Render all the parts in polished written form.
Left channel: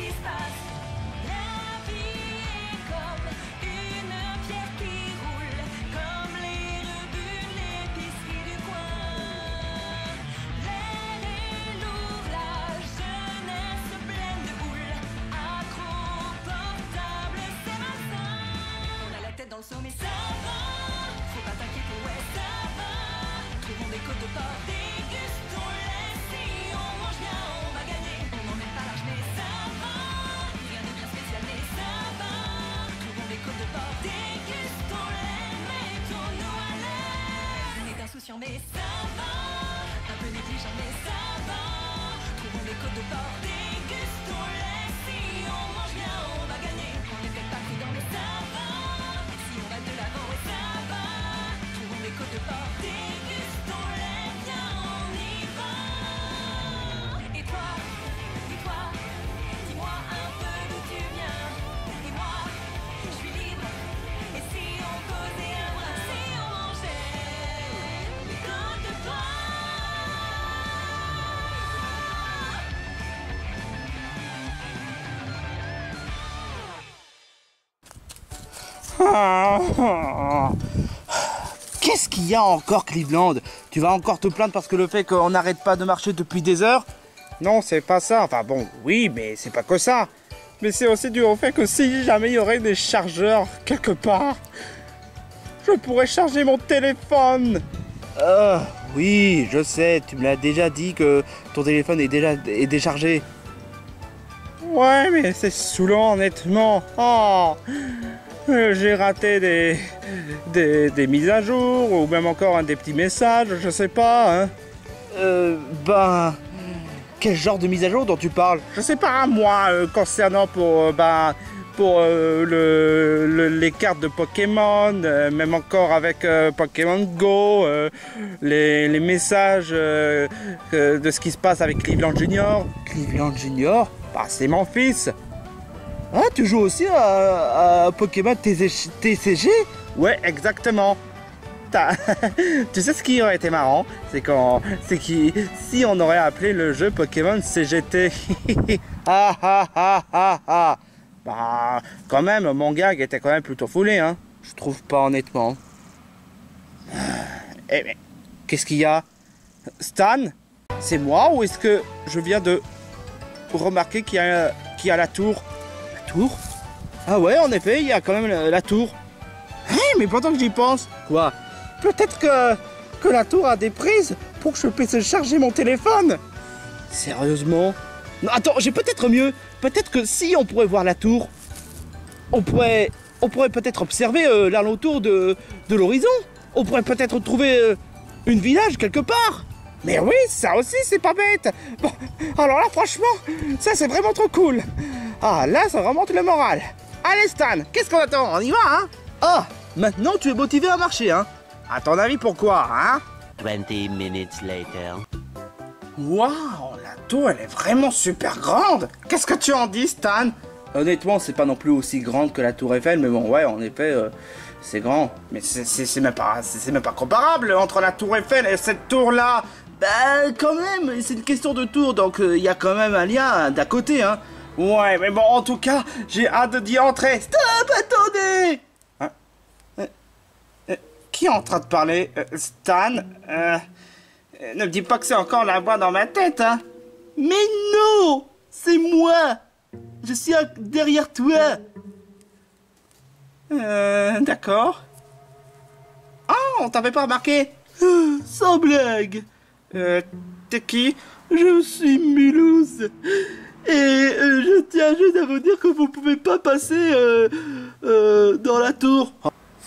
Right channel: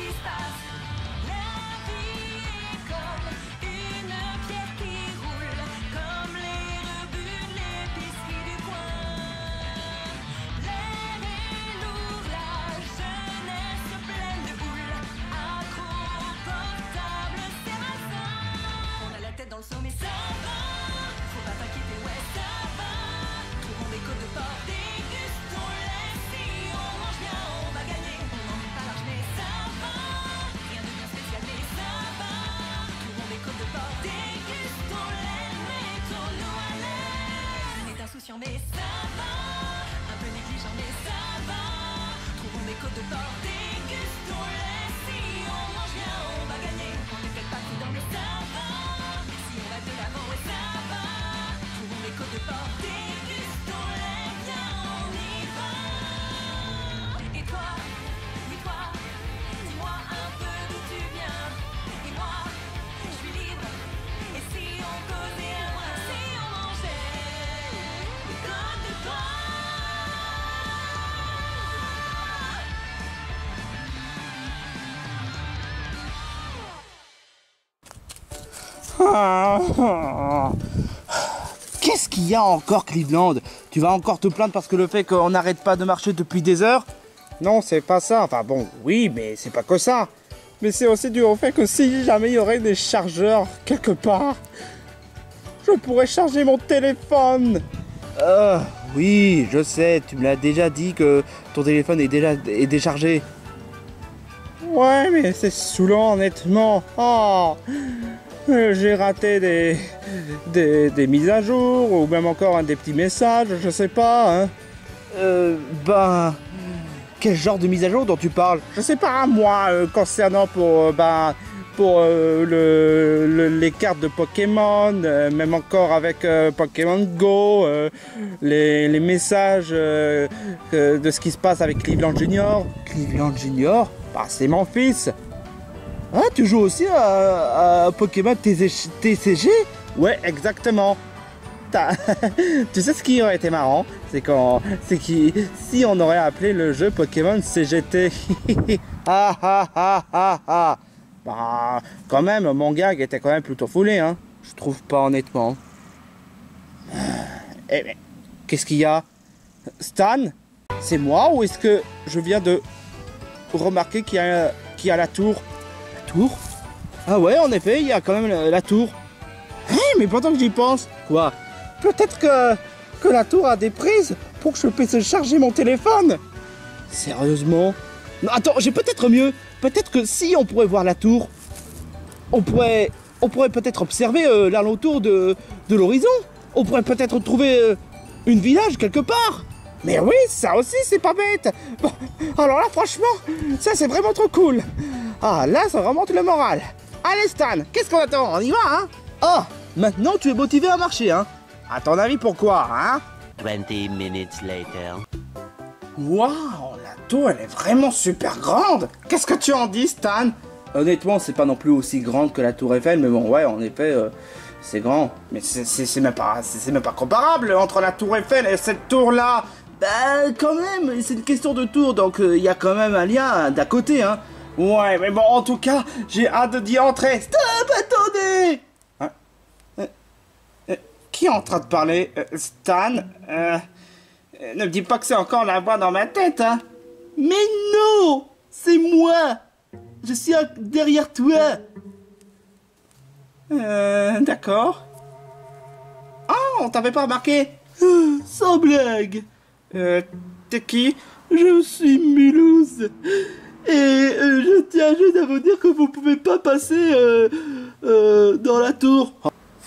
qui se passe. La vie est comme une pierre qui roule, comme les rebuts de l'épicerie du coin. L'air est lourd, la jeunesse pleine de houle, accro portable, c'est malsain. On a la tête dans le seau mais ça va, faut pas t'inquiéter, ouais ça va. Trouvons des côtes de porc, dégustons-les, si on mange bien on va gagner. On n'en est pas large mais ça va, rien de bien spécial mais ça va. Trouvons des côtes de porc, dégustons-les, mettons-nous à l'aise. On est insouciant mais ça va, un peu négligent mais ça va. Trouvons des côtes de porc, dégustons-les, si on mange bien on va gagner. On n'est peut-être pas prudent mais ça va, si on va de l'avant ouais ça va. Trouvons des côtes de porc, dégustons-les, viens on y va. Et toi, oui toi, dis-moi un peu d'où tu viens. Et moi, je suis libre. Et si on causait un brin, si on mangeait des côtes de porc. Qu'est-ce qu'il y a encore, Cleveland? Tu vas encore te plaindre parce que le fait qu'on n'arrête pas de marcher depuis des heures? Non, c'est pas ça. Enfin bon, oui, mais c'est pas que ça. Mais c'est aussi dû au fait que si jamais il y aurait des chargeurs quelque part, je pourrais charger mon téléphone. Oui, je sais, tu me l'as déjà dit que ton téléphone est déchargé. Ouais, mais c'est saoulant, honnêtement. Oh, j'ai raté des mises à jour, ou même encore des petits messages, je sais pas. Hein. Quel genre de mise à jour dont tu parles? Je sais pas, moi, concernant pour les cartes de Pokémon, même encore avec Pokémon Go, les messages de ce qui se passe avec Cleveland Junior. Cleveland Junior? Bah, c'est mon fils. Ah, tu joues aussi à Pokémon TCG? Ouais, exactement. Tu sais ce qui aurait été marrant, si on aurait appelé le jeu Pokémon CGT. Bah, quand même, mon gag était quand même plutôt foulé, hein. Je trouve pas, honnêtement. Eh mais, qu'est-ce qu'il y a? Stan? C'est moi ou est-ce que je viens de remarquer qu'il y a la tour? La tour? Ah ouais, en effet, il y a quand même la tour. Hé, mais pendant que j'y pense... Quoi? Peut-être que la tour a des prises pour que je puisse charger mon téléphone. Sérieusement? Non, attends, j'ai peut-être mieux. Peut-être que si on pourrait voir la tour, on pourrait peut-être observer l'alentour de l'horizon. On pourrait peut-être trouver une village quelque part. Mais oui, ça aussi, c'est pas bête. Bon, alors là, franchement, ça, c'est vraiment trop cool. Ah, là, ça remonte le moral. Allez, Stan, qu'est-ce qu'on attend? On y va, hein? Ah, maintenant, tu es motivé à marcher, hein? À ton avis, pourquoi, hein? 20 minutes later. Waouh, la tour, elle est vraiment super grande. Qu'est-ce que tu en dis, Stan? Honnêtement, c'est pas non plus aussi grande que la tour Eiffel, mais bon, ouais, en effet, c'est grand. Mais c'est même pas comparable entre la tour Eiffel et cette tour-là. Bah, quand même, c'est une question de tour, donc il y a quand même un lien d'à côté, hein. Ouais, mais bon, en tout cas, j'ai hâte d'y entrer. Stop, attendez! Hein? Qui est en train de parler? Stan? Ne me dis pas que c'est encore la voix dans ma tête, hein? Mais non! C'est moi! Je suis derrière toi! D'accord. Ah, on t'avait pas remarqué? Sans blague! T'es qui? Je suis Mulhouse! Et je tiens juste à vous dire que vous pouvez pas passer dans la tour.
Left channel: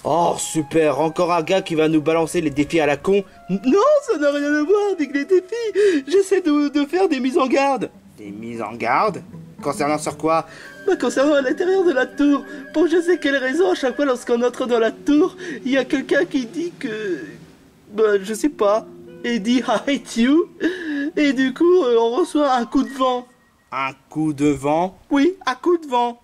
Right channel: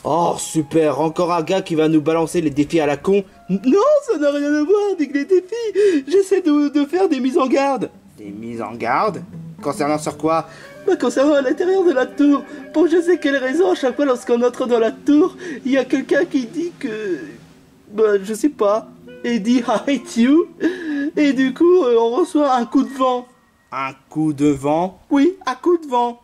Oh super, encore un gars qui va nous balancer les défis à la con. Non, ça n'a rien à voir avec les défis. J'essaie de faire des mises en garde. Des mises en garde? Concernant sur quoi? Bah, concernant à l'intérieur de la tour. Pour je sais quelle raison, à chaque fois lorsqu'on entre dans la tour, il y a quelqu'un qui dit que... Bah, je sais pas. Et dit I hate you. Et du coup, on reçoit un coup de vent. Un coup de vent? Oui, un coup de vent.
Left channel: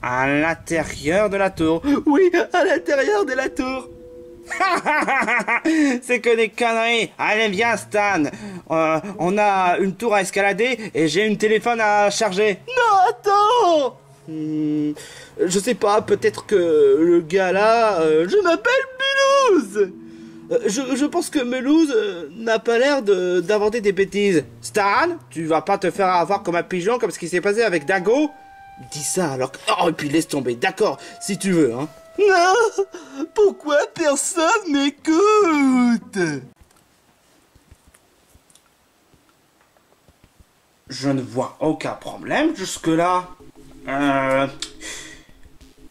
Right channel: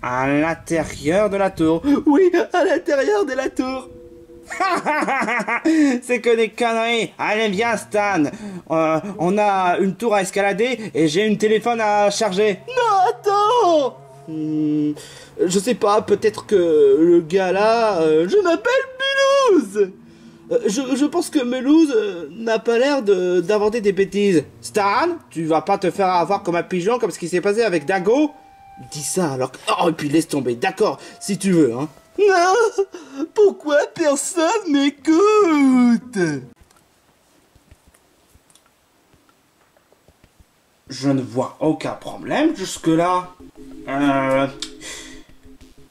À l'intérieur de la tour? Oui, à l'intérieur de la tour. C'est que des conneries. Allez, viens, Stan. On a une tour à escalader et j'ai une téléphone à charger. Non, attends. Je sais pas, peut-être que le gars là... je m'appelle Mulhouse. Je pense que Mulhouse n'a pas l'air d'inventer des bêtises. Stan, tu vas pas te faire avoir comme un pigeon comme ce qui s'est passé avec Dingo? Dis ça alors que... Oh, et puis laisse tomber, d'accord, si tu veux, hein. Non, pourquoi personne m'écoute? Je ne vois aucun problème jusque-là.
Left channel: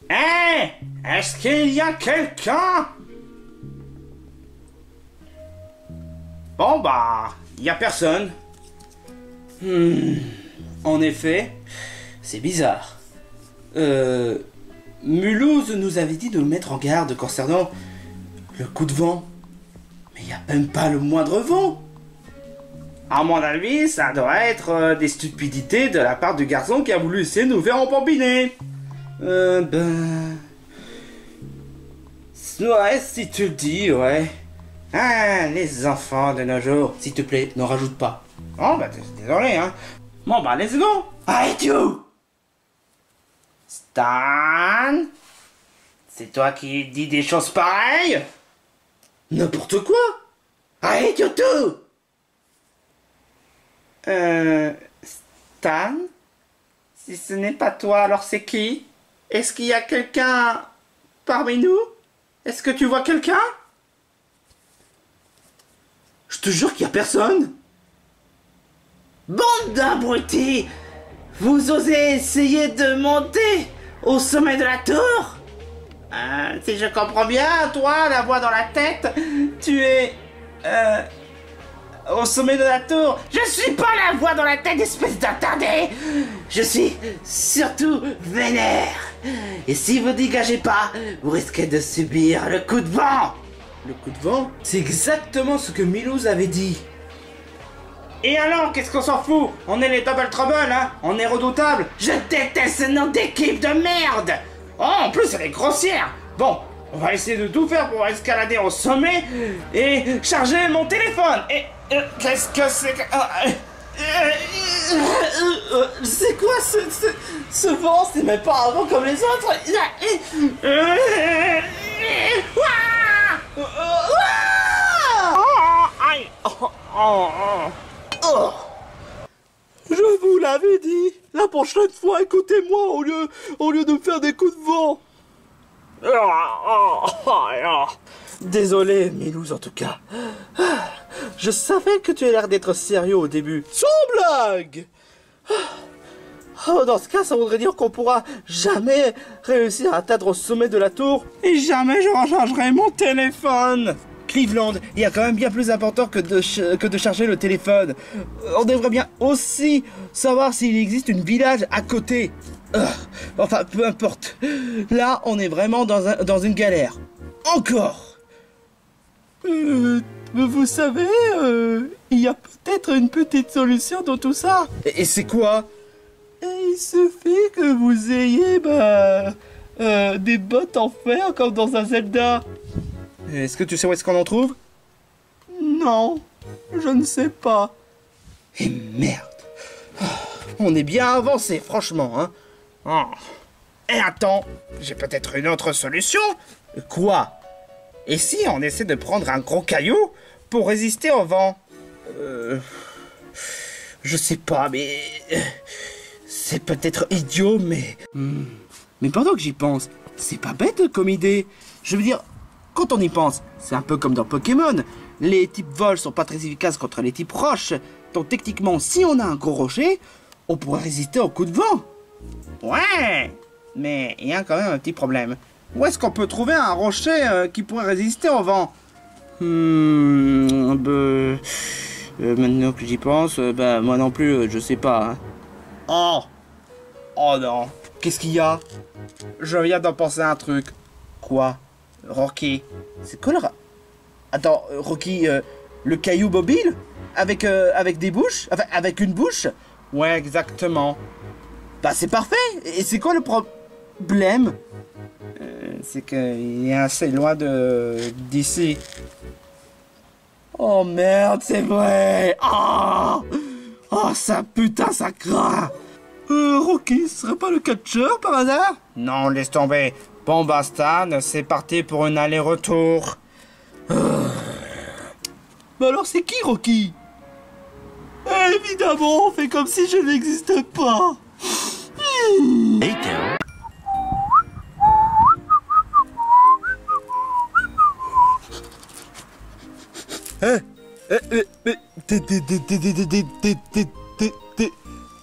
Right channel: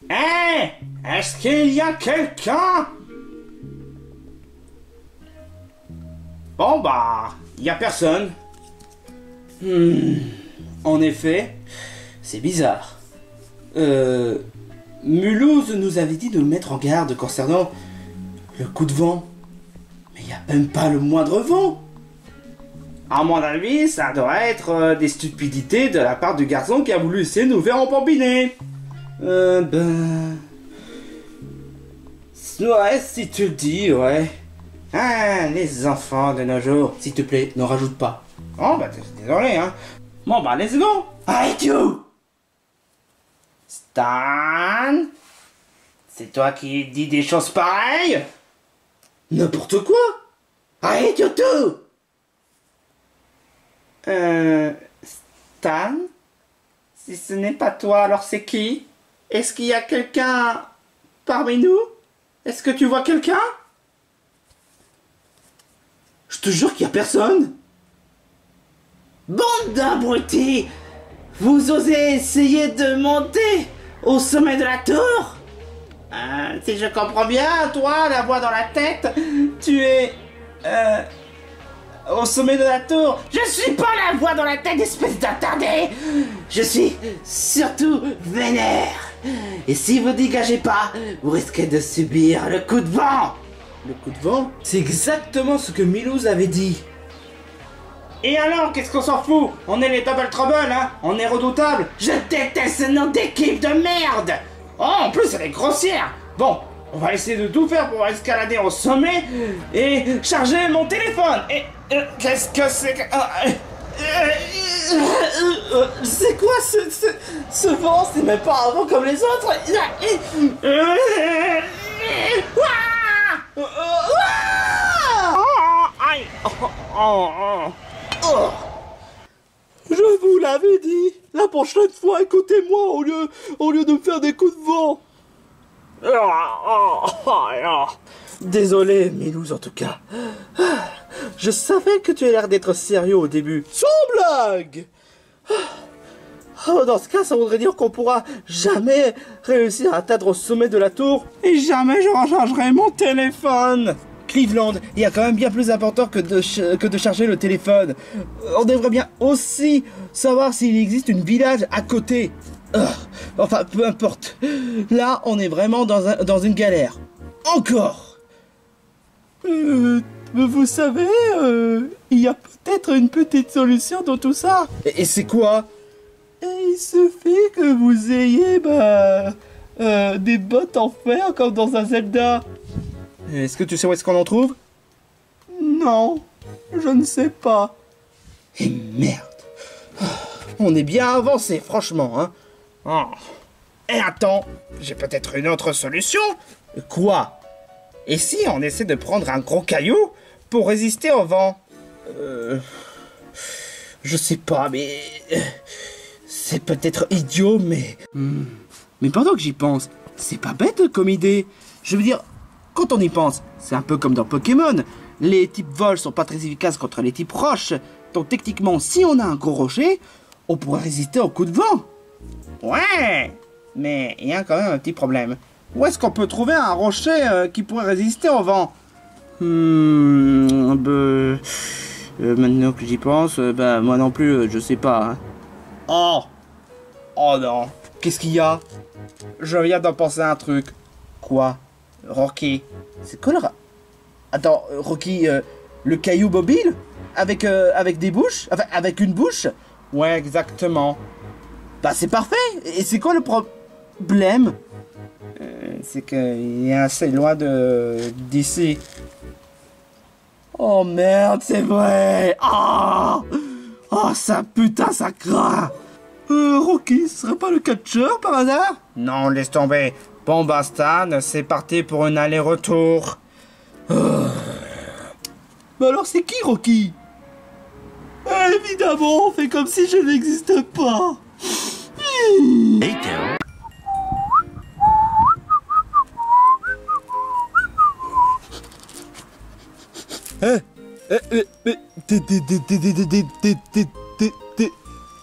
Hé, est-ce qu'il y a quelqu'un? Bon bah, il y a personne. En effet, c'est bizarre. Mulhouse nous avait dit de nous mettre en garde concernant le coup de vent. Mais il n'y a même pas le moindre vent. À mon avis, ça doit être des stupidités de la part du garçon qui a voulu essayer de nous faire embobiner. Ouais, si tu le dis, ouais. Ah, les enfants de nos jours, s'il te plaît, n'en rajoute pas. Oh, bah, désolé, hein. Bon, bah, let's go. Arrête, you. Stan? C'est toi qui dis des choses pareilles? N'importe quoi. Arrête, you tout. Stan? Si ce n'est pas toi, alors c'est qui? Est-ce qu'il y a quelqu'un parmi nous? Est-ce que tu vois quelqu'un? Je te jure qu'il y a personne. Bande d'abrutis! Vous osez essayer de monter au sommet de la tour? Si je comprends bien, toi, la voix dans la tête, tu es... au sommet de la tour. Je suis pas la voix dans la tête, espèce d'attardé. Je suis surtout vénère. Et si vous dégagez pas, vous risquez de subir le coup de vent. Le coup de vent? C'est exactement ce que Mulhouse avait dit. Et alors, qu'est-ce qu'on s'en fout? On est les Double Trouble, hein? On est redoutables. Je déteste ce nom d'équipe de merde. Oh, en plus, elle est grossière. Bon, on va essayer de tout faire pour escalader au sommet et charger mon téléphone. Et qu'est-ce que c'est que... c'est quoi ce vent? C'est même pas un vent comme les autres. Je vous l'avais dit. La prochaine fois, écoutez-moi au lieu de me faire des coups de vent. Désolé, Mulhouse, en tout cas. Je savais que tu as l'air d'être sérieux au début. Sans blague. Oh, dans ce cas, ça voudrait dire qu'on pourra jamais réussir à atteindre au sommet de la tour. Et jamais je rechargerai mon téléphone. Cleveland, il y a quand même bien plus important que de charger le téléphone. On devrait bien aussi savoir s'il existe une village à côté. Enfin, peu importe. Là, on est vraiment dans une galère. Encore. Vous savez, il y a peut-être une petite solution dans tout ça. Et c'est quoi? Il suffit que vous ayez, des bottes en fer comme dans un Zelda. Est-ce que tu sais où est-ce qu'on en trouve? Non, je ne sais pas. Et merde. On est bien avancé, franchement, hein. Et attends, j'ai peut-être une autre solution. Quoi? Et si on essaie de prendre un gros caillou pour résister au vent? Je sais pas, mais... c'est peut-être idiot, mais... Mais pendant que j'y pense, c'est pas bête comme idée. Je veux dire, quand on y pense, c'est un peu comme dans Pokémon. Les types vol sont pas très efficaces contre les types roches. Donc techniquement, si on a un gros rocher, on pourrait résister au coup de vent. Ouais, mais il y a quand même un petit problème. Où est-ce qu'on peut trouver un rocher qui pourrait résister au vent? Maintenant que j'y pense, moi non plus, je sais pas. Hein. Oh non. Qu'est-ce qu'il y a? Je viens d'en penser à un truc. Quoi? Rocky. C'est quoi le... Attends, Rocky, le caillou mobile? Avec des bouches? Enfin, avec une bouche? Ouais, exactement. Bah, c'est parfait. Et c'est quoi le problème? C'est qu'il est assez loin d'ici. Oh merde, c'est vrai. Oh, ça putain, ça craint. Rocky, ce serait pas le catcheur par hasard? Non, laisse tomber. Bon, bah Stan, c'est parti pour un aller-retour. Mais alors c'est qui Rocky? Évidemment, on fait comme si je n'existais pas. Later. Mais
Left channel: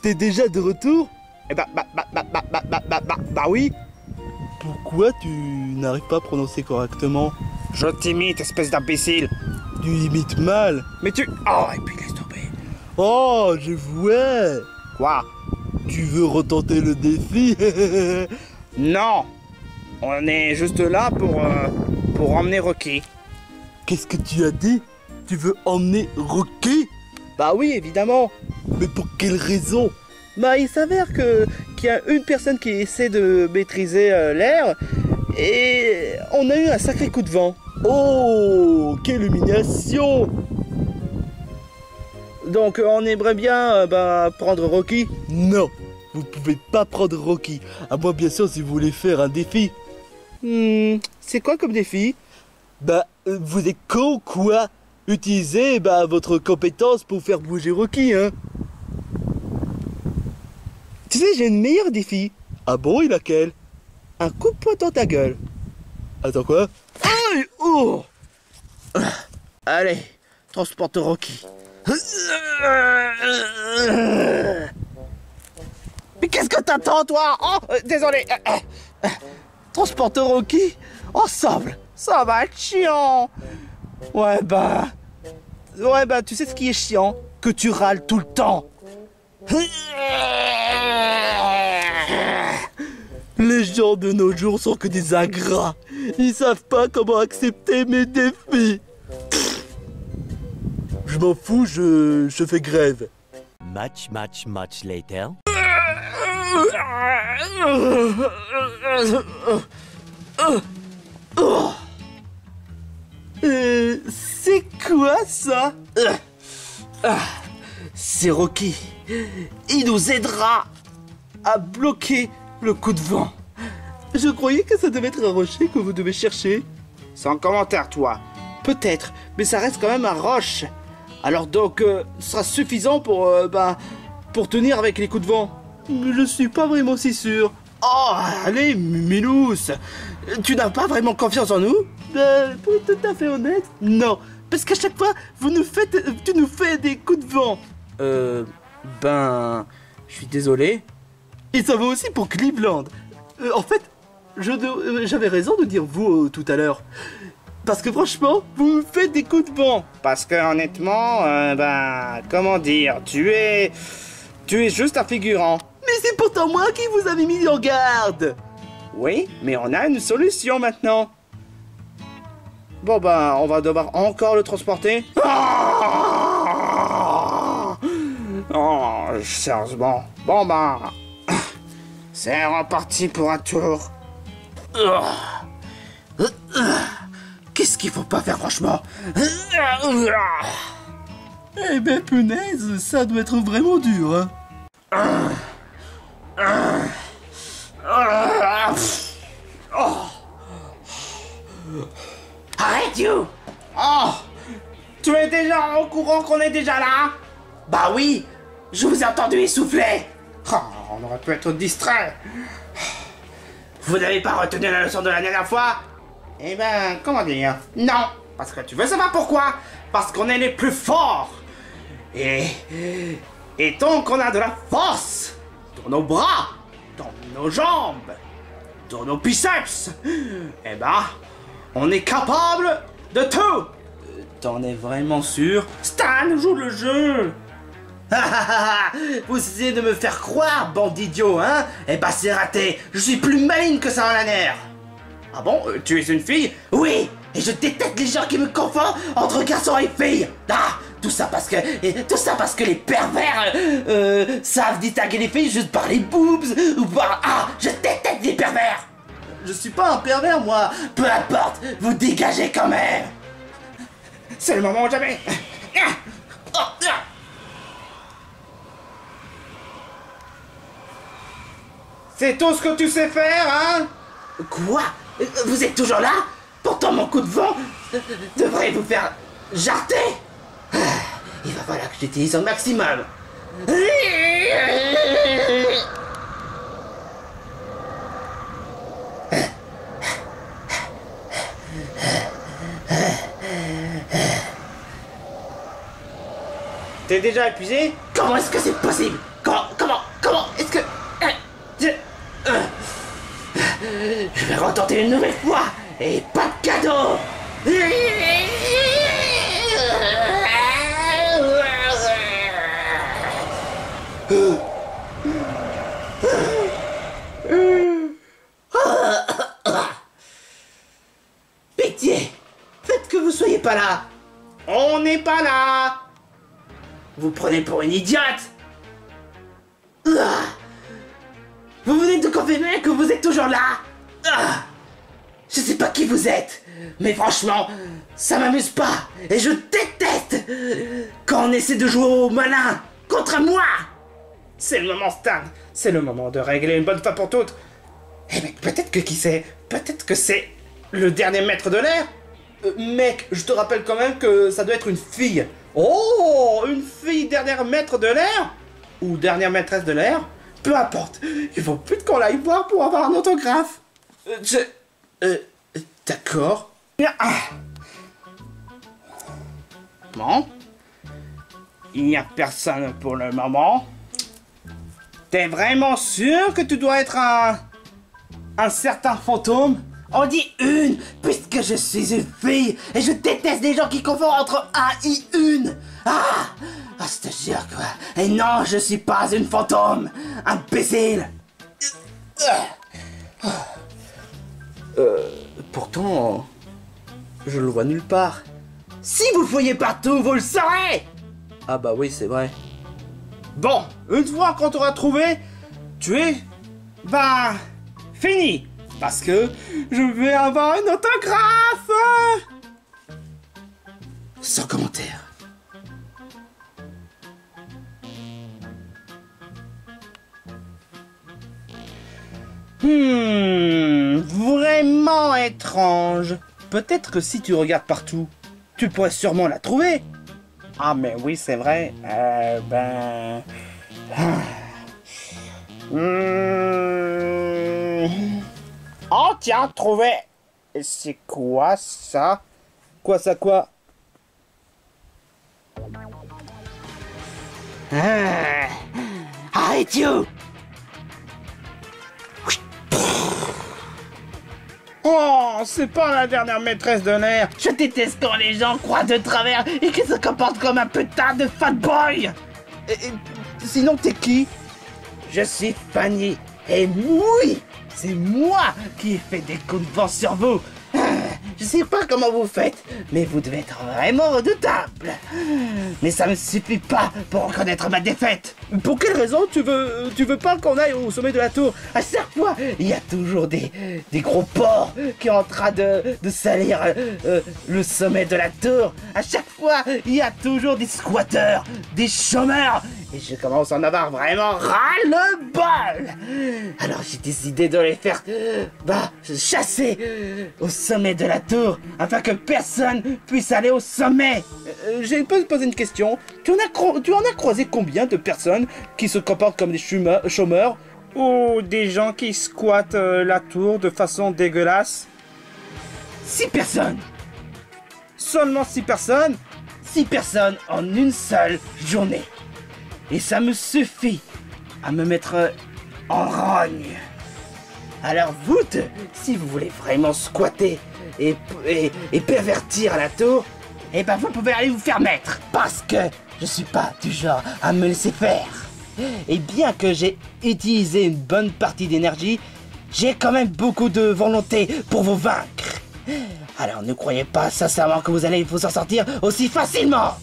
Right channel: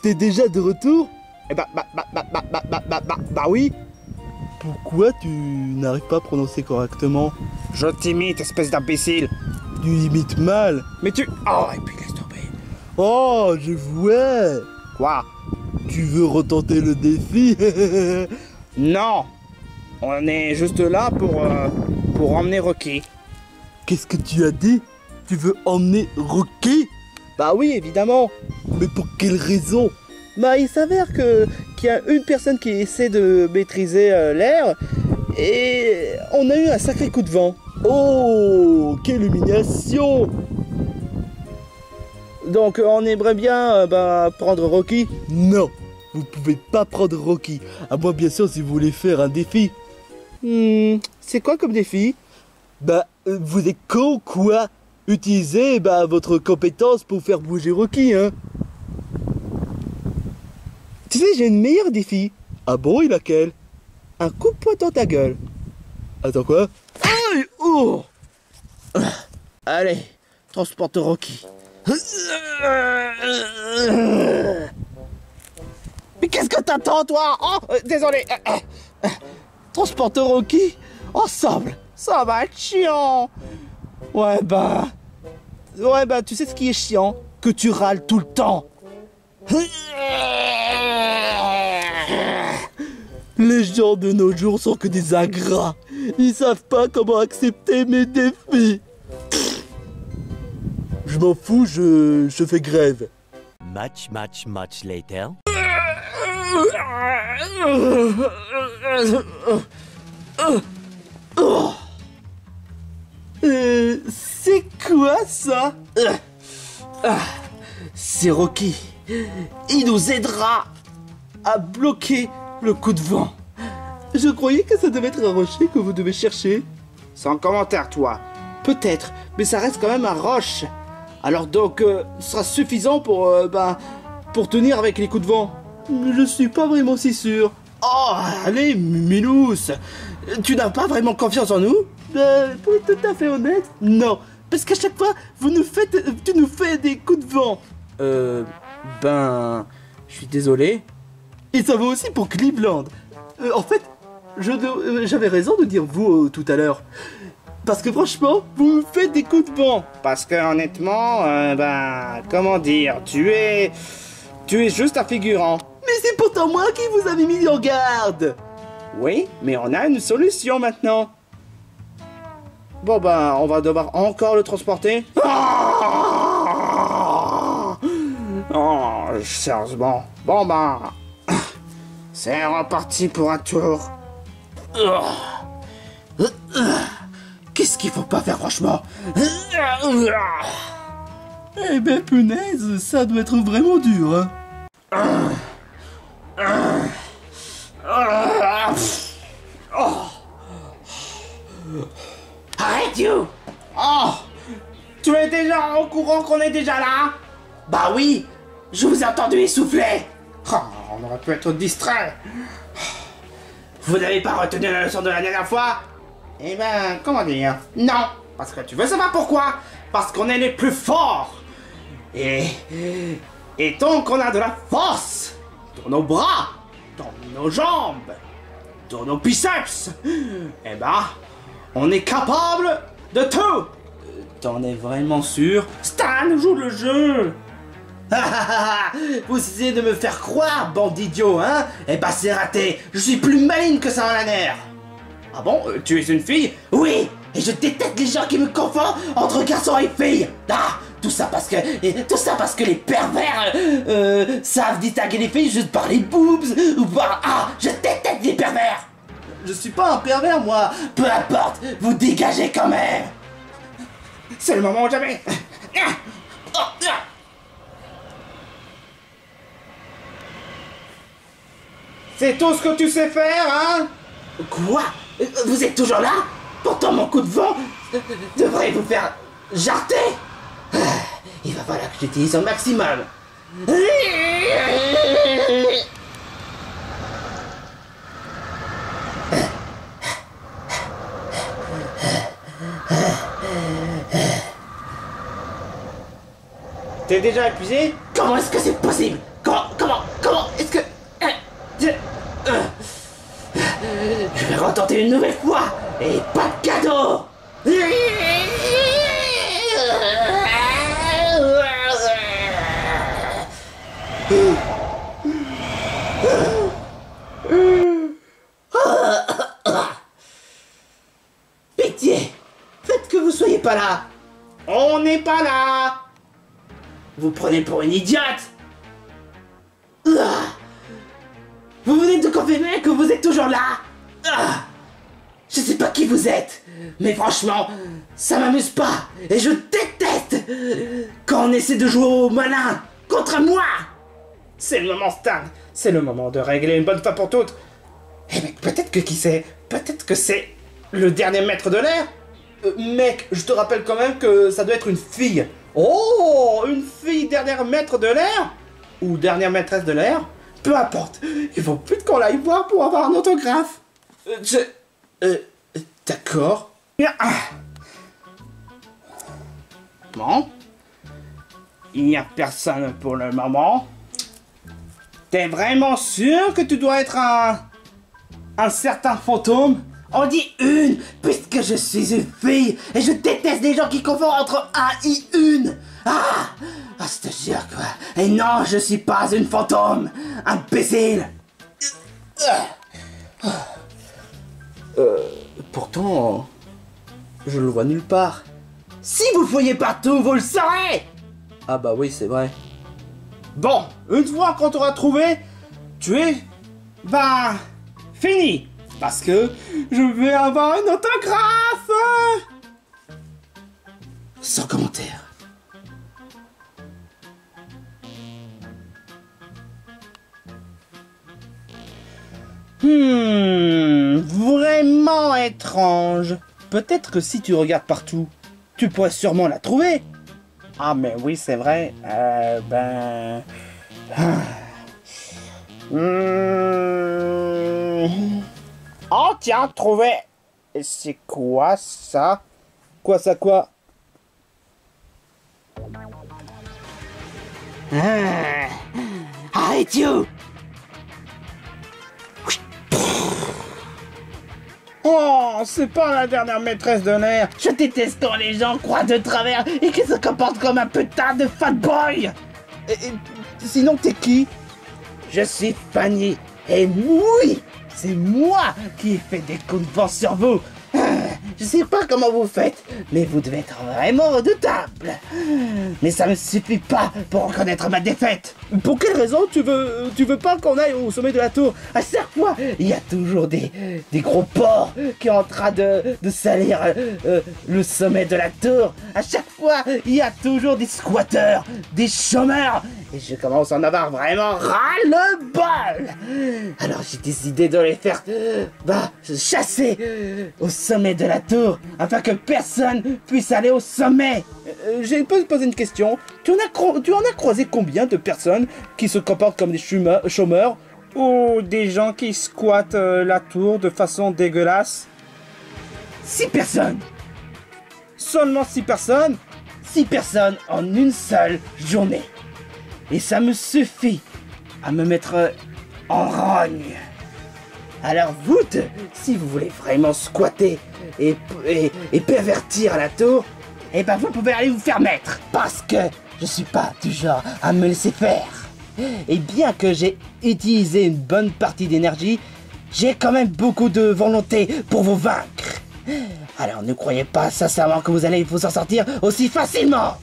t'es déjà de retour? Eh bah oui. Pourquoi tu n'arrives pas à prononcer correctement? Je t'imite, espèce d'imbécile. Tu imites mal. Mais tu... Oh, et puis laisse tomber. Oh, je vois. Quoi? Tu veux retenter le défi? Non. On est juste là pour emmener Rocky. Qu'est-ce que tu as dit? Tu veux emmener Rocky? Bah oui, évidemment. Mais pour quelle raison? Bah il s'avère qu'il y a une personne qui essaie de maîtriser l'air et on a eu un sacré coup de vent. Oh, quelle humiliation! Donc on aimerait bien prendre Rocky. Non, vous pouvez pas prendre Rocky. À moins bien sûr si vous voulez faire un défi. C'est quoi comme défi? Vous êtes con quoi? Utilisez votre compétence pour faire bouger Rocky, hein. Tu sais, j'ai une meilleure défi. Ah bon, il a quel? Un coup de poing dans ta gueule. Attends quoi? Aïe! Oh! Allez, transporte Rocky. Mais qu'est-ce que t'attends, toi? Oh, désolé. Transporte Rocky ensemble. Ça va être chiant. Ouais, tu sais ce qui est chiant? Que tu râles tout le temps. Les gens de nos jours sont que des ingrats. Ils savent pas comment accepter mes défis. Je m'en fous, je fais grève. Much later. C'est quoi ça? C'est Rocky. Il nous aidera à bloquer le coup de vent. Je croyais que ça devait être un rocher que vous devez chercher. Sans commentaire, toi. Peut-être, mais ça reste quand même un roche. Alors donc, ce sera suffisant pour tenir avec les coups de vent. Mais je suis pas vraiment si sûr. Oh, allez, Milous. Tu n'as pas vraiment confiance en nous? Pour être tout à fait honnête, non. Parce qu'à chaque fois, tu nous fais des coups de vent. Je suis désolé. Et ça vaut aussi pour Cleveland. En fait, j'avais raison de dire vous tout à l'heure. Parce que franchement, vous me faites des coups de vent. Parce que honnêtement, comment dire, tu es juste un figurant. Mais c'est pourtant moi qui vous avais mis en garde. Oui, mais on a une solution maintenant. Bon on va devoir encore le transporter. Oh, sérieusement. Bon c'est reparti pour un tour. Qu'est-ce qu'il faut pas faire franchement? Eh ben punaise, ça doit être vraiment dur, hein. Arrête, you! Oh! Tu es déjà au courant qu'on est déjà là? Bah oui! Je vous ai entendu essouffler! Oh, on aurait pu être distrait! Vous n'avez pas retenu la leçon de la dernière fois? Eh ben, comment dire? Non! Parce que tu veux savoir pourquoi? Parce qu'on est les plus forts! Et tant qu'on a de la force dans nos bras, dans nos jambes, dans nos biceps, eh ben, on est capable de tout! T'en es vraiment sûr? Stan, joue le jeu! Vous essayez de me faire croire, bande d'idiots, hein? Eh ben c'est raté! Je suis plus maligne que ça en la nerf! Ah bon? Tu es une fille? Oui! Et je déteste les gens qui me confondent entre garçons et filles! Ah! Tout ça parce que les pervers savent distinguer les filles juste par les boobs ou par... Ah! Je déteste les pervers! Je suis pas un pervers, moi! Peu importe! Vous dégagez quand même! C'est le moment ou jamais! C'est tout ce que tu sais faire, hein? Quoi? Vous êtes toujours là? Pourtant mon coup de vent devrait vous faire jarter. Il va falloir que j'utilise au maximum. T'es déjà épuisé? Comment est-ce que c'est possible? Comment est-ce que... Je vais retenter une nouvelle fois et pas de cadeau. Pitié, faites que vous soyez pas là. On n'est pas là! Vous prenez pour une idiote. Vous venez de confirmer que vous êtes toujours là. Je sais pas qui vous êtes, mais franchement, ça m'amuse pas. Et je déteste quand on essaie de jouer au malin contre moi. C'est le moment, Stan. C'est le moment de régler une bonne fois pour toutes. Eh mec, peut-être que qui sait? Peut-être que c'est le dernier maître de l'air? Mec, je te rappelle quand même que ça doit être une fille. Oh, une fille dernière maître de l'air? Ou dernière maîtresse de l'air? Peu importe. Il faut plus qu'on l'aille voir pour avoir un autographe. D'accord. Bon. Il n'y a personne pour le moment. T'es vraiment sûr que tu dois être un certain fantôme? On dit une, puisque je suis une fille, et je déteste les gens qui confondent entre un et une. Je te jure quoi. Et non, je suis pas une fantôme, imbécile. Pourtant, je le vois nulle part. Si vous le voyez partout, vous le saurez. Ah bah oui, c'est vrai. Bon, une fois qu'on t'aura trouvé, tu es... bah... fini. Parce que je vais avoir un autographe. Sans commentaire. Vraiment étrange. Peut-être que si tu regardes partout, tu pourrais sûrement la trouver. Ah mais oui, c'est vrai. Oh tiens, trouvé. Et c'est quoi ça? Quoi ça quoi? Arrête you. Oh, c'est pas la dernière maîtresse de l'air. Je déteste quand les gens croient de travers et qu'ils se comportent comme un putain de fat boy. Sinon, t'es qui? Je suis Fanny. Et oui, c'est moi qui ai fait des coups de vent sur vous. Je sais pas comment vous faites, mais vous devez être vraiment redoutable. Mais ça me suffit pas pour reconnaître ma défaite. Pour quelle raison tu veux pas qu'on aille au sommet de la tour? À chaque fois, il y a toujours des gros porcs qui sont en train de salir le sommet de la tour. À chaque fois, il y a toujours des squatteurs, des chômeurs. Et je commence à en avoir vraiment ras-le-bol. Alors j'ai décidé de les faire chasser au sommet de la tour afin que personne puisse aller au sommet. J'ai posé une question. Tu en as croisé combien de personnes qui se comportent comme des chômeurs ou des gens qui squattent la tour de façon dégueulasse? 6 personnes. Seulement 6 personnes? 6 personnes en une seule journée. Et ça me suffit à me mettre en rogne. Alors vous deux, si vous voulez vraiment squatter et pervertir la tour, eh ben vous pouvez aller vous faire mettre. Parce que je suis pas du genre à me laisser faire. Et bien que j'ai utilisé une bonne partie d'énergie, j'ai quand même beaucoup de volonté pour vous vaincre. Alors ne croyez pas sincèrement que vous allez vous en sortir aussi facilement.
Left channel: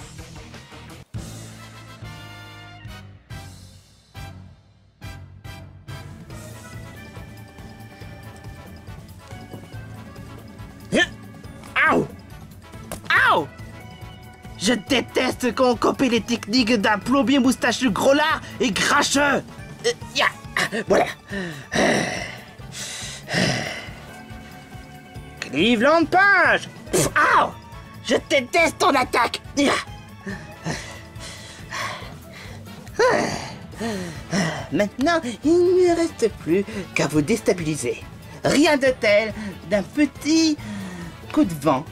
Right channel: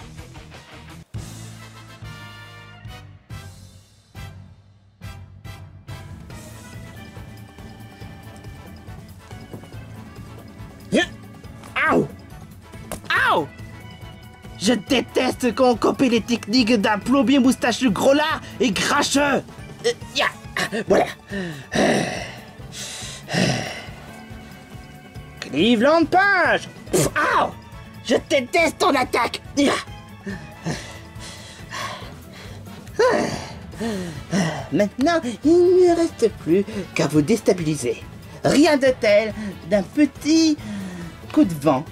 Aouh! Aouh! Je déteste quand on copie les techniques d'un plombier moustachu gros lard et cracheux. Voilà. Cleveland Punch. Ow! Je déteste ton attaque! Maintenant, il ne reste plus qu'à vous déstabiliser. Rien de tel d'un petit coup de vent.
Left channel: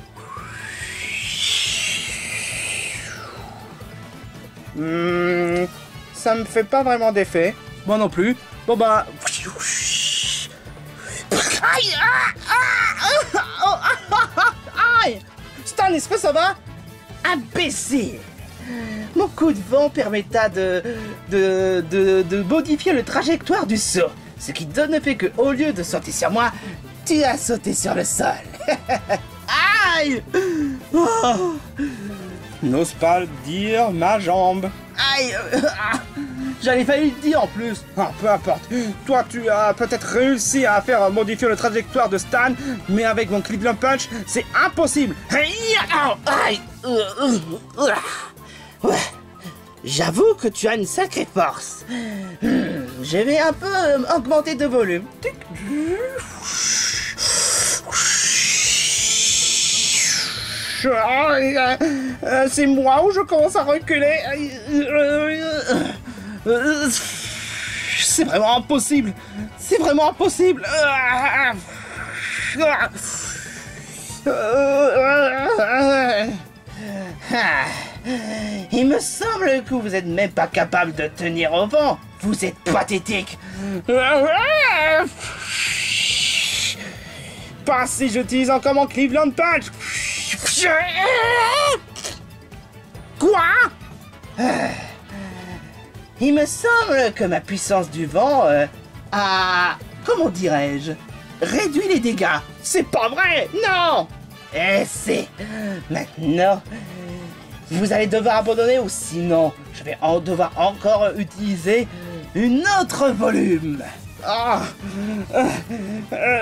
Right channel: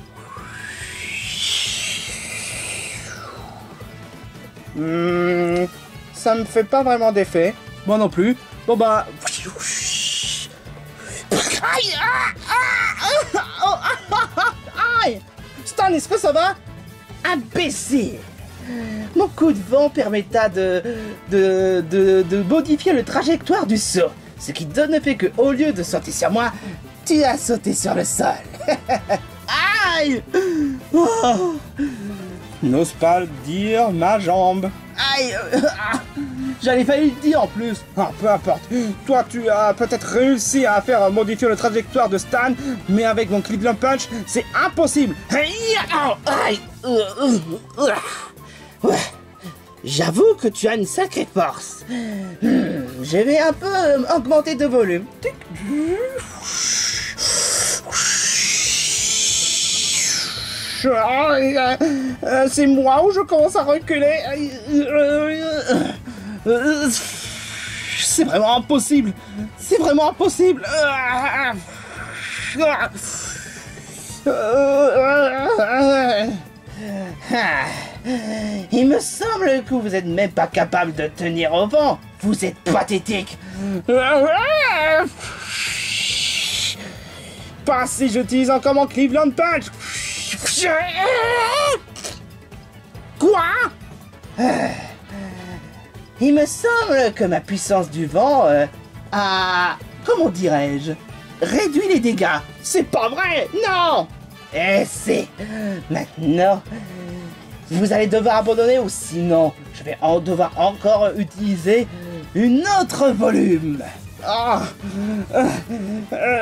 Ça me fait pas vraiment d'effet. Moi non plus. Bon bah... Aïe! Aïe! Stan, est-ce que ça va? Imbécile! Mon coup de vent permettra de modifier le trajectoire du saut. Ce qui donne le fait que, au lieu de sauter sur moi, tu as sauté sur le sol. Aïe! Oh. N'ose pas le dire, ma jambe. Aïe! J'avais failli le dire en plus. Ah, peu importe. Toi, tu as peut-être réussi à faire modifier la trajectoire de Stan, mais avec mon Cleveland Punch, c'est impossible. Aïe! Ouais. J'avoue que tu as une sacrée force. Je vais un peu augmenter de volume. C'est moi où je commence à reculer. C'est vraiment impossible. C'est vraiment impossible. Il me semble que vous êtes même pas capable de tenir au vent. Vous êtes pathétique. Pas si j'utilise encore mon Cleveland Punch. Quoi? Il me semble que ma puissance du vent a, comment dirais-je, réduit les dégâts. C'est pas vrai. Non. Et c'est... Maintenant, vous allez devoir abandonner ou sinon, je vais devoir encore utiliser une autre volume. Ah.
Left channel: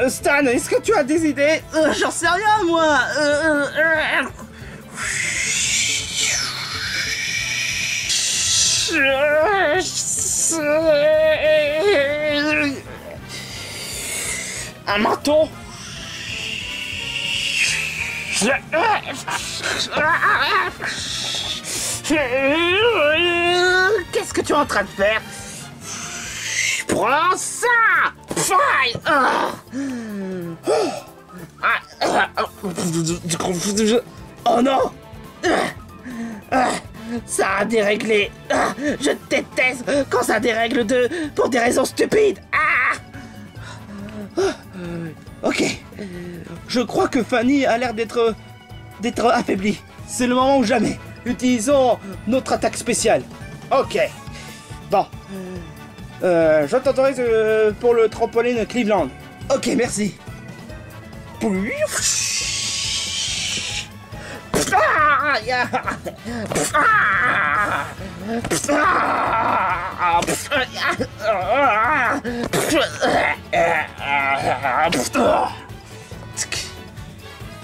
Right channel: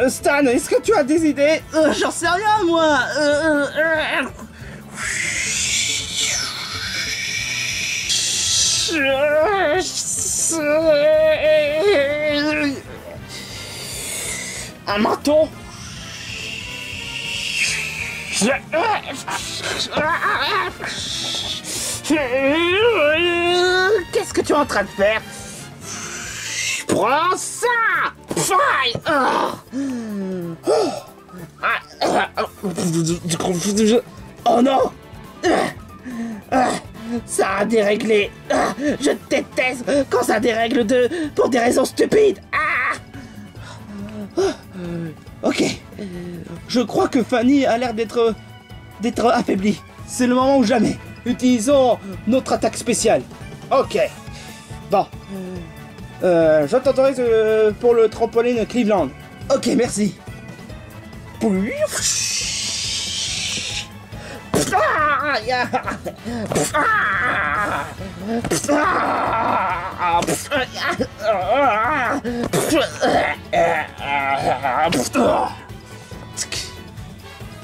Stan, est-ce que tu as des idées? J'en sais rien, moi. Un marteau? Qu'est-ce que tu es en train de faire? Prends ça! Faille! Oh non! Ça a déréglé! Je déteste quand ça dérègle pour des raisons stupides! Ok. Je crois que Fanny a l'air d'être affaiblie. C'est le moment ou jamais. Utilisons notre attaque spéciale. Ok. Bon. Je t'autorise pour le trampoline Cleveland. Ok, merci.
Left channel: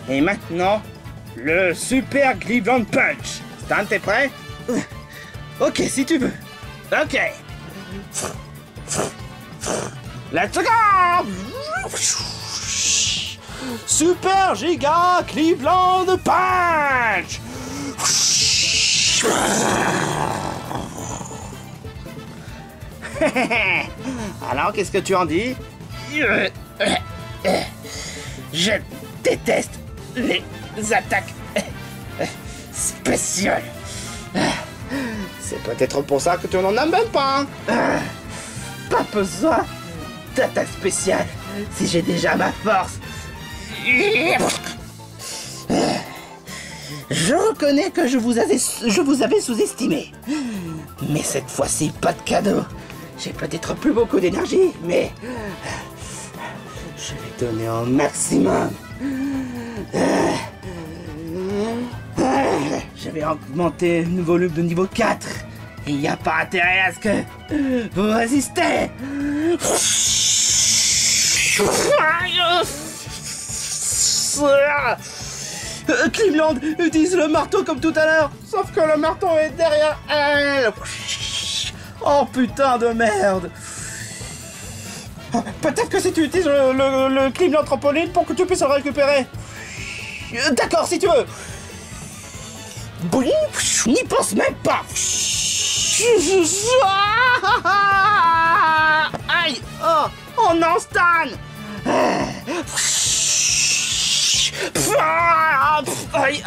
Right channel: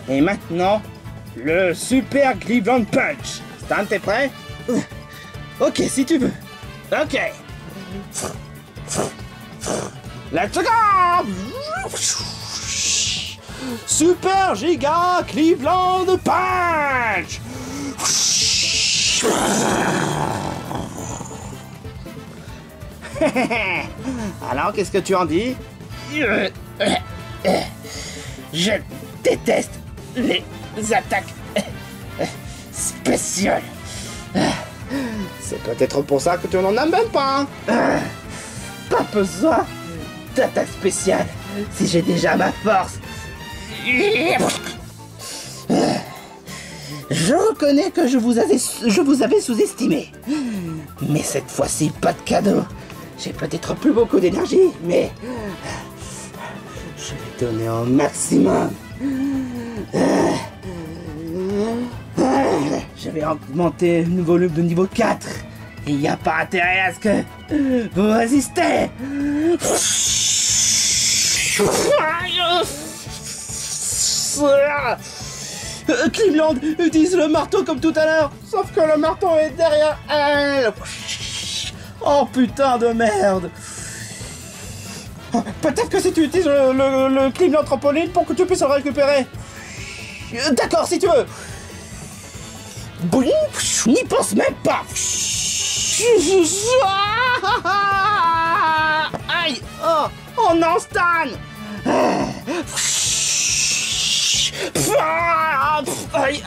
Et maintenant, le Super Cleveland Punch. Stan, t'es prêt? Ok, si tu veux. Ok. Let's go! Super Giga Cleveland Punch! Alors, qu'est-ce que tu en dis? Je déteste les attaques spéciales. C'est peut-être pour ça que tu n'en as même pas. Pas besoin d'attaque spéciale si j'ai déjà ma force. Je reconnais que je vous avais sous-estimé. Mais cette fois-ci, pas de cadeau. J'ai peut-être plus beaucoup d'énergie, mais je vais donner un maximum. Je vais augmenter le volume de niveau 4. Il n'y a pas intérêt à ce que vous résistez. Cleveland utilise le marteau comme tout à l'heure. Sauf que le marteau est derrière elle. Oh putain de merde. Peut-être que si tu utilises le Cleveland trampoline pour que tu puisses le récupérer. D'accord, si tu veux. Boum, n'y pense même pas. Aïe! Oh non, Stan! Aïe!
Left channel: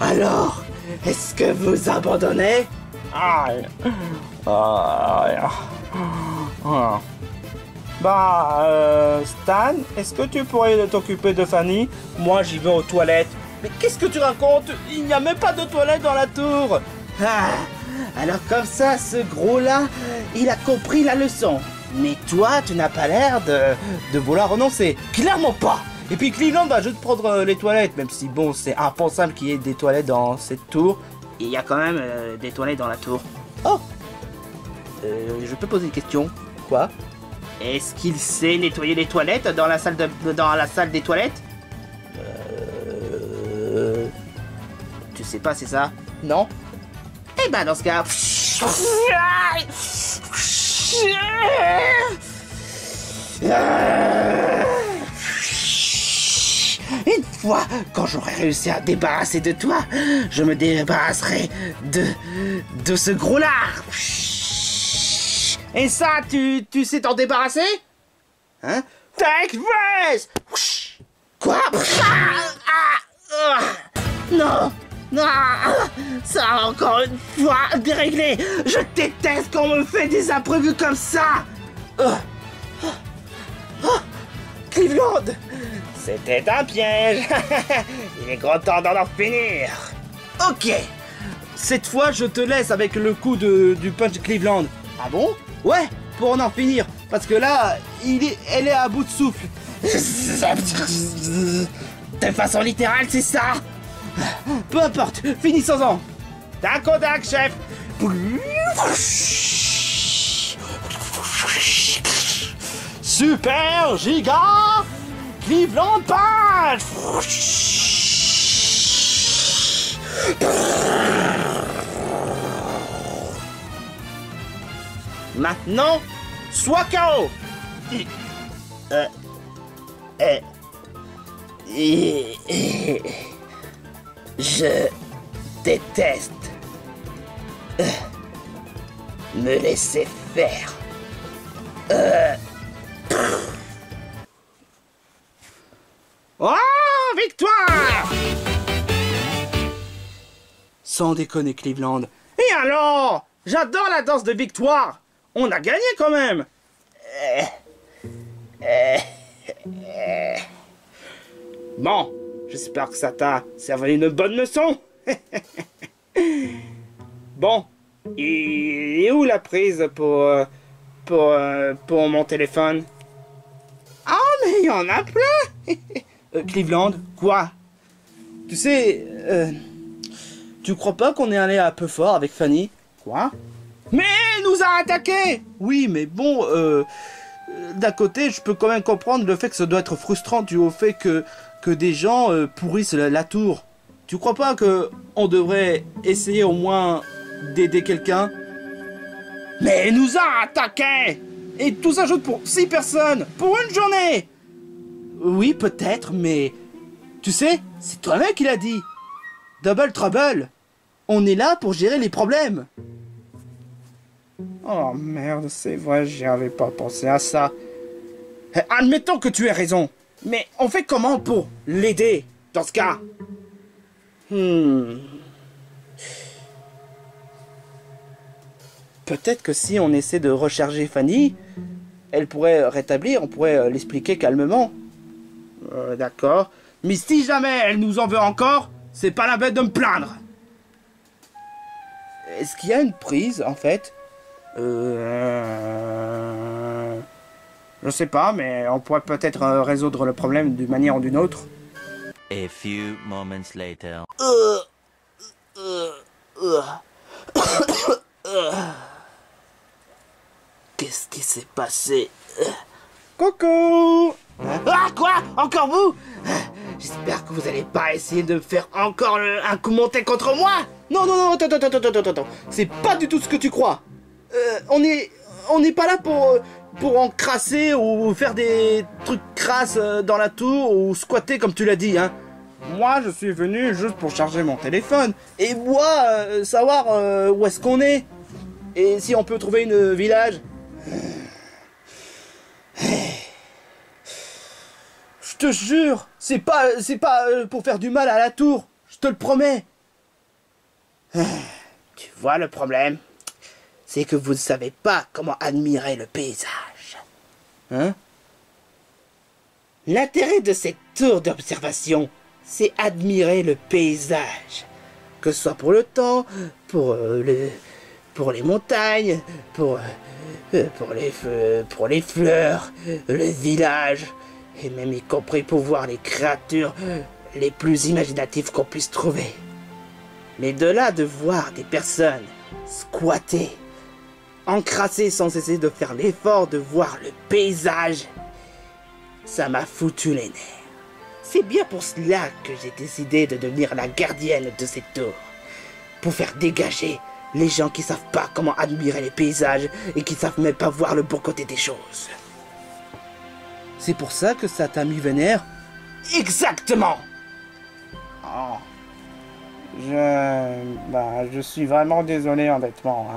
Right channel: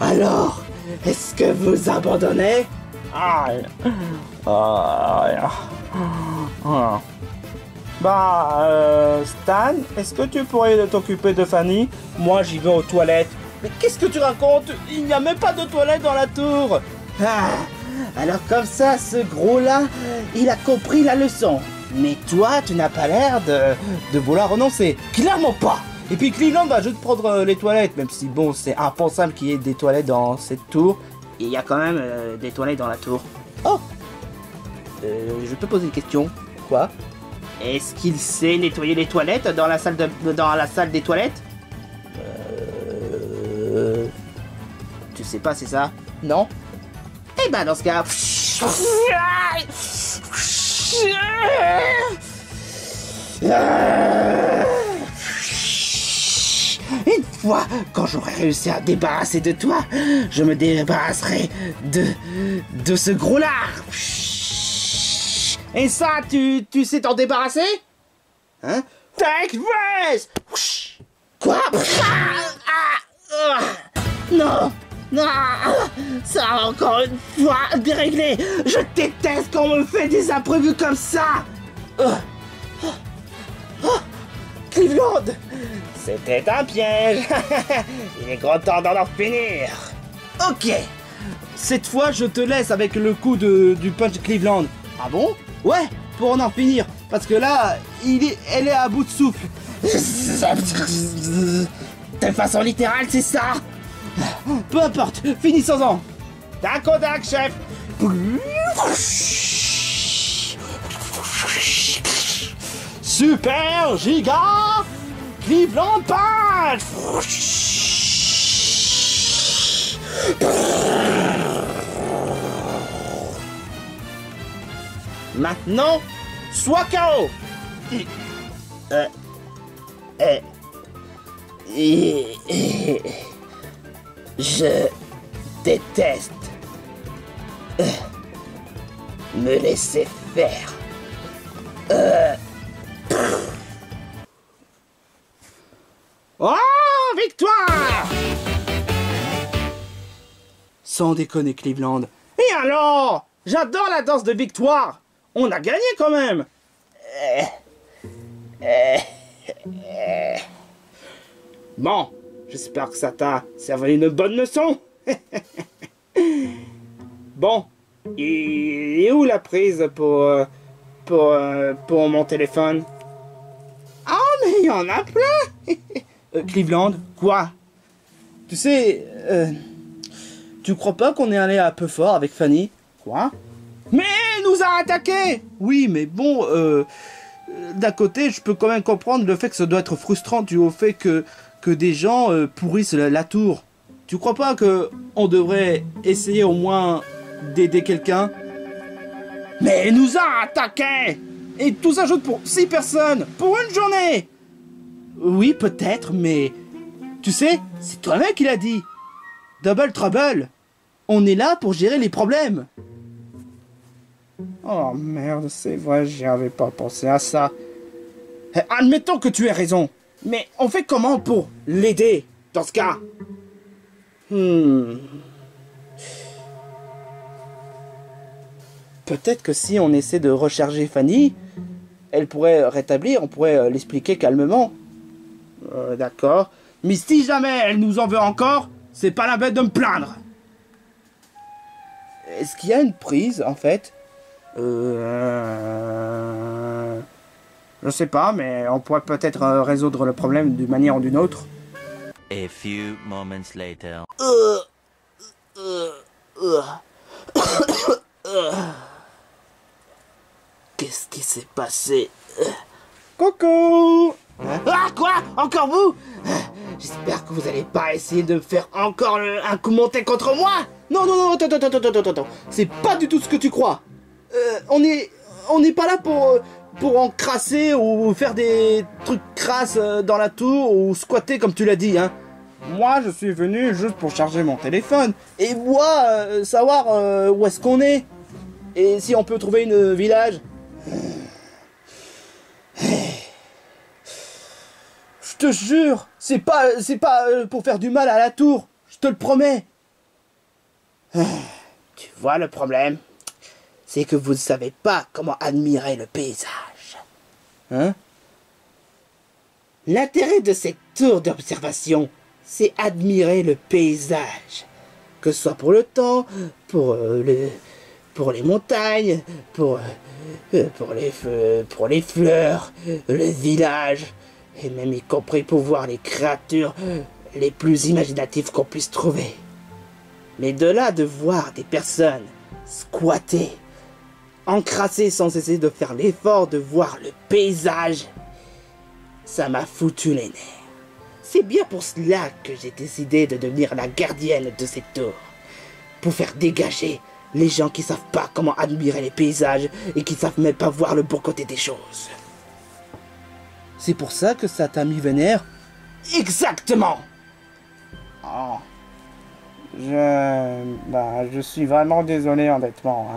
Alors, est-ce que vous abandonnez? Aïe! Aïe! Stan, est-ce que tu pourrais t'occuper de Fanny? Moi, j'y vais aux toilettes. Mais qu'est-ce que tu racontes? Il n'y a même pas de toilette dans la tour. Ah, alors comme ça, ce gros-là, il a compris la leçon. Mais toi, tu n'as pas l'air de vouloir renoncer. Clairement pas. Et puis Cleveland va juste prendre les toilettes, même si bon, c'est impensable qu'il y ait des toilettes dans cette tour. Il y a quand même des toilettes dans la tour. Oh, je peux poser une question? Quoi? Est-ce qu'il sait nettoyer les toilettes dans la salle des toilettes? Tu sais pas, c'est ça? Non? Eh ben dans ce cas... Une fois, quand j'aurai réussi à débarrasser de toi, je me débarrasserai de ce gros lard. Et ça, tu sais t'en débarrasser? Hein? Take this! Quoi? Non! Non! Ça a encore une fois déréglé! Je déteste quand on me fait des imprévus comme ça! Cleveland! C'était un piège. Il est grand temps d'en finir. Ok! Cette fois, je te laisse avec le coup du punch Cleveland. Ah bon? Ouais, pour en finir. Parce que là, elle est à bout de souffle. De façon littérale, c'est ça? Peu importe, finissons-en. Tac au tac, chef. Super giga Cleveland Punch. Maintenant, sois KO. Je déteste me laisser faire. Oh, victoire! Sans déconner, Cleveland. Et alors? J'adore la danse de victoire. On a gagné quand même. Bon, j'espère que ça t'a servi une bonne leçon. Bon, il est où la prise pour mon téléphone? Ah, mais il y en a plein. Cleveland, Quoi? tu sais, tu crois pas qu'on est allé un peu fort avec Fanny? Quoi? Mais elle nous a attaqués. Oui, mais bon, d'un côté, je peux quand même comprendre le fait que ça doit être frustrant dû au fait que des gens pourrissent la tour. Tu crois pas que on devrait essayer au moins d'aider quelqu'un? Mais elle nous a attaqués. Et tout ça juste pour 6 personnes, pour une journée. Oui, peut-être, mais... Tu sais, c'est toi-même qui l'as dit. Double Trouble. On est là pour gérer les problèmes. Oh merde, c'est vrai, j'y avais pas pensé à ça. Admettons que tu aies raison. Mais on fait comment pour l'aider, dans ce cas? Peut-être que si on essaie de recharger Fanny, elle pourrait rétablir, on pourrait l'expliquer calmement. D'accord. Mais si jamais elle nous en veut encore, c'est pas la peine de me plaindre. Est-ce qu'il y a une prise, en fait? Je sais pas, mais on pourrait peut-être résoudre le problème d'une manière ou d'une autre. A few moments later. Qu'est-ce qui s'est passé? Coucou! Ah, quoi? Encore vous? J'espère que vous allez pas essayer de me faire encore un coup monté contre moi. Non, non, non, attends. C'est pas du tout ce que tu crois. On n'est pas là pour encrasser ou faire des trucs crasses dans la tour ou squatter comme tu l'as dit, hein. Moi, je suis venu juste pour charger mon téléphone. Et moi, savoir où est-ce qu'on est. Et si on peut trouver une village. Je te jure, c'est pas pour faire du mal à la tour. Je te le promets. Tu vois le problème, c'est que vous ne savez pas comment admirer le paysage. Hein? L'intérêt de cette tour d'observation, c'est admirer le paysage. Que ce soit pour le temps, pour les montagnes, pour les fleurs, le village, et même y compris pour voir les créatures les plus imaginatives qu'on puisse trouver. Mais de là de voir des personnes squatter, encrasser sans cesser de faire l'effort de voir le paysage, ça m'a foutu les nerfs. C'est bien pour cela que j'ai décidé de devenir la gardienne de cette tour. Pour faire dégager les gens qui savent pas comment admirer les paysages et qui savent même pas voir le bon côté des choses. C'est pour ça que ça t'a mis vénère? Exactement! Oh. Je suis vraiment désolé, honnêtement.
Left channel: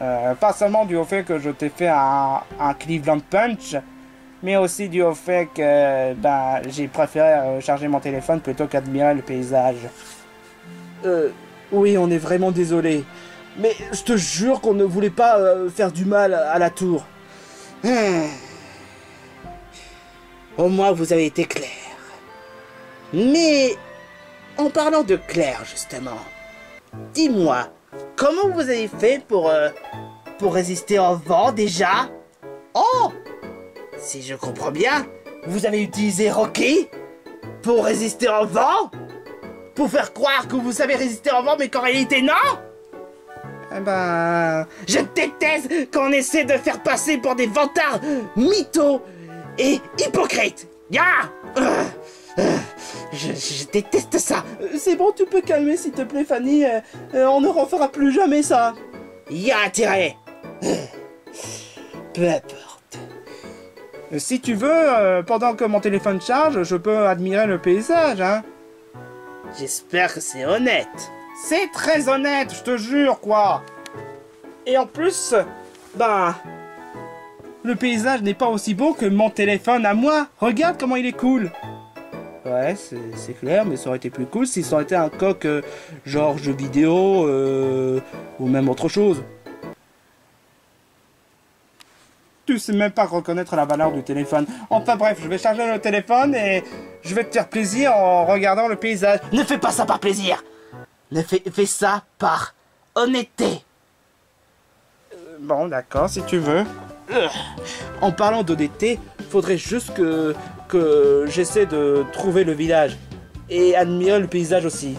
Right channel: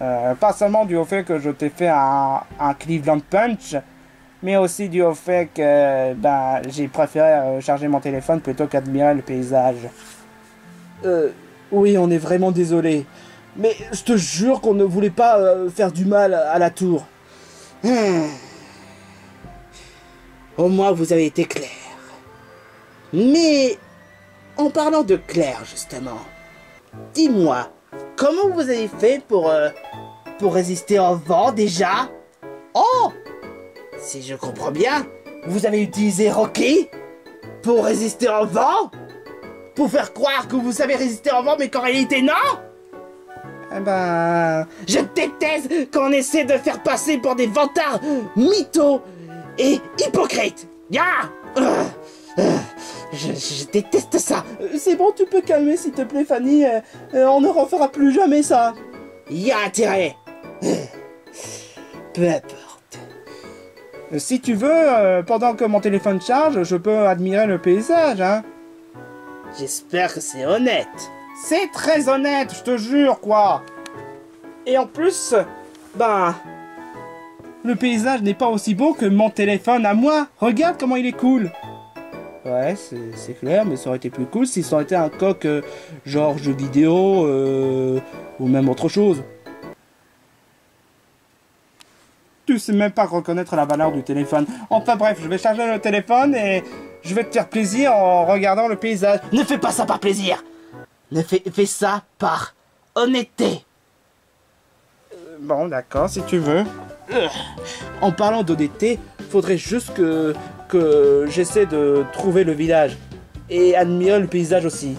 Hein. Pas seulement dû au fait que je t'ai fait un Cleveland Punch, mais aussi dû au fait que j'ai préféré charger mon téléphone plutôt qu'admirer le paysage. Oui, on est vraiment désolé. Mais je te jure qu'on ne voulait pas faire du mal à la tour. Au moins, vous avez été clair. Mais, en parlant de clair, justement, dis-moi, comment vous avez fait pour résister au vent, déjà? Oh! Si je comprends bien, vous avez utilisé Rocky pour résister au vent? Pour faire croire que vous savez résister au vent, mais qu'en réalité, non? Je déteste qu'on essaie de faire passer pour des vantards mythos et hypocrites. Je déteste ça. C'est bon, tu peux calmer s'il te plaît, Fanny. On ne refera plus jamais ça. Y a intérêt. Peu importe. Si tu veux, pendant que mon téléphone charge, je peux admirer le paysage, hein. J'espère que c'est honnête. C'est très honnête, je te jure, quoi. Et en plus, le paysage n'est pas aussi beau que mon téléphone à moi. Regarde comment il est cool. Ouais, c'est clair, mais ça aurait été plus cool si ça aurait été un coq genre jeu vidéo ou même autre chose. Tu sais même pas reconnaître la valeur du téléphone. Enfin bref, je vais charger le téléphone et je vais te faire plaisir en regardant le paysage. Ne fais pas ça par plaisir. Fais ça par honnêteté. Bon, d'accord, si tu veux. En parlant d'honnêteté, faudrait juste que j'essaie de trouver le village et admirer le paysage aussi.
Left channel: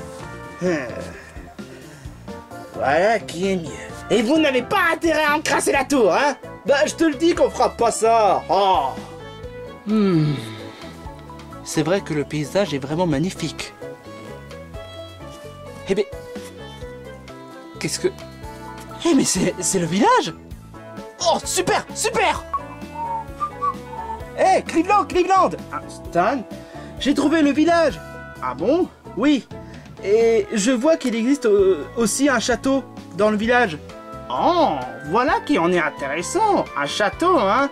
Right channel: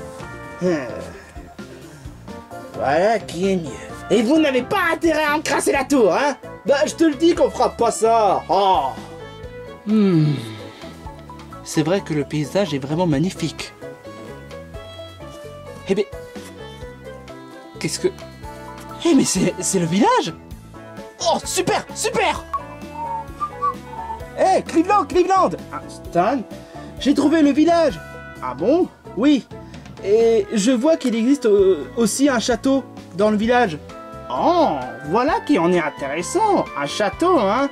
Voilà qui est mieux. Et vous n'avez pas intérêt à encrasser la tour, hein? Je te le dis qu'on fera pas ça. Oh. C'est vrai que le paysage est vraiment magnifique. Eh ben... Qu'est-ce que... Eh mais c'est le village! Oh, super! Eh, Cleveland! Stan, j'ai trouvé le village! Ah bon? Oui. Et je vois qu'il existe aussi un château dans le village. Oh, voilà qui en est intéressant! Un château, hein?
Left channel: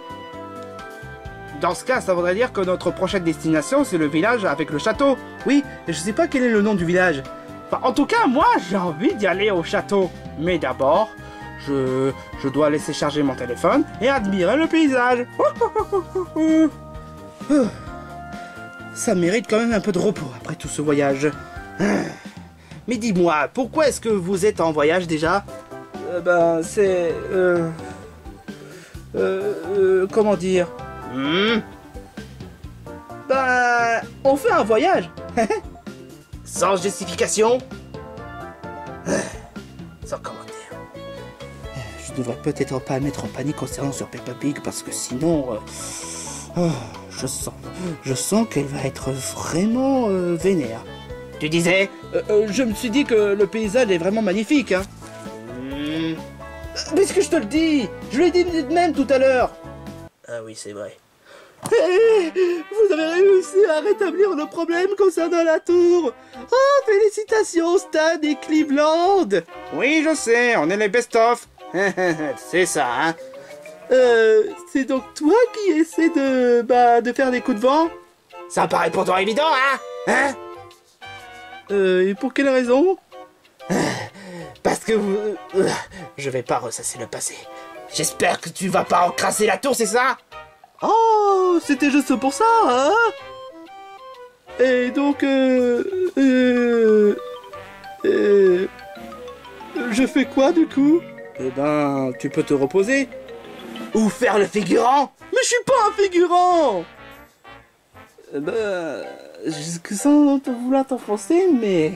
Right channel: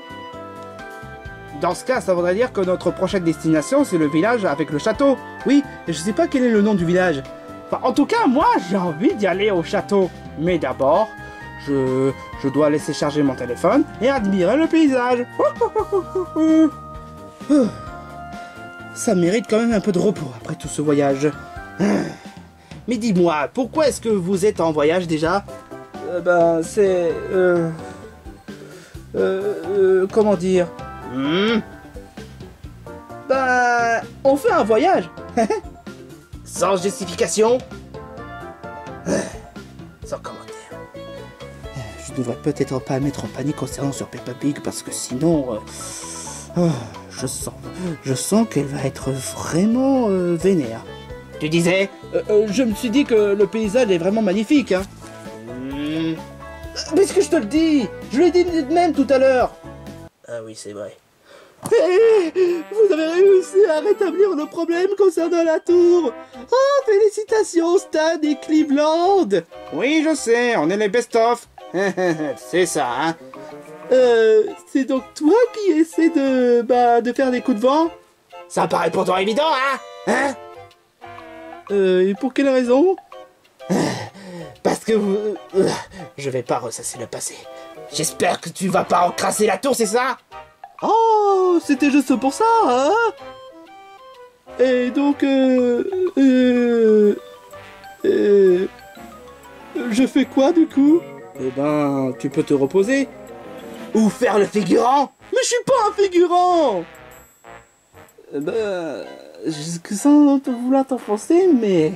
Dans ce cas, ça voudrait dire que notre prochaine destination, c'est le village avec le château. Oui, et je sais pas quel est le nom du village. Enfin, en tout cas, moi, j'ai envie d'y aller au château. Mais d'abord, je dois laisser charger mon téléphone et admirer le paysage. Ça mérite quand même un peu de repos après tout ce voyage. Mais dis-moi, pourquoi est-ce que vous êtes en voyage déjà? C'est... comment dire? On fait un voyage. Sans justification. Sans commentaire. Je devrais peut-être pas mettre en panique concernant sur Peppa Pig parce que sinon... Oh, je sens qu'elle va être vraiment vénère. Tu disais je me suis dit que le paysage est vraiment magnifique, hein. Puisque je te le dis, je l'ai dit de même tout à l'heure. Ah oui, c'est vrai. Vous avez réussi à rétablir le problème concernant la tour. Oh, félicitations Stan et Cleveland. Oui, je sais, on est les best-of. C'est ça, hein. C'est donc toi qui essaie de faire des coups de vent? Ça paraît pourtant évident, hein? Et pour quelle raison? Parce que je vais pas ressasser le passé. J'espère que tu vas pas encrasser la tour, c'est ça? Oh, c'était juste pour ça, hein? Et donc, je fais quoi, du coup? Eh ben, tu peux te reposer. Ou faire le figurant. Mais je suis pas un figurant. Sans vouloir t'enfoncer, mais...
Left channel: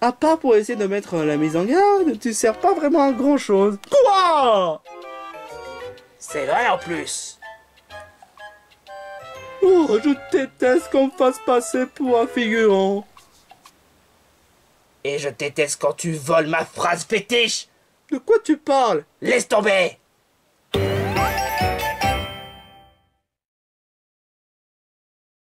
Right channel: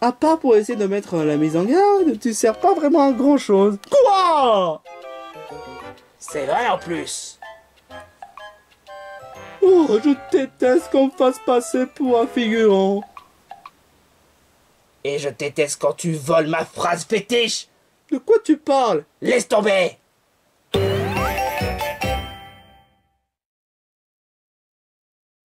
À part pour essayer de mettre la mise en garde, tu sers pas vraiment à grand chose. Quoi? C'est vrai en plus. Oh, je déteste qu'on me fasse passer pour un figurant. Et je déteste quand tu voles ma phrase fétiche. De quoi tu parles? Laisse tomber.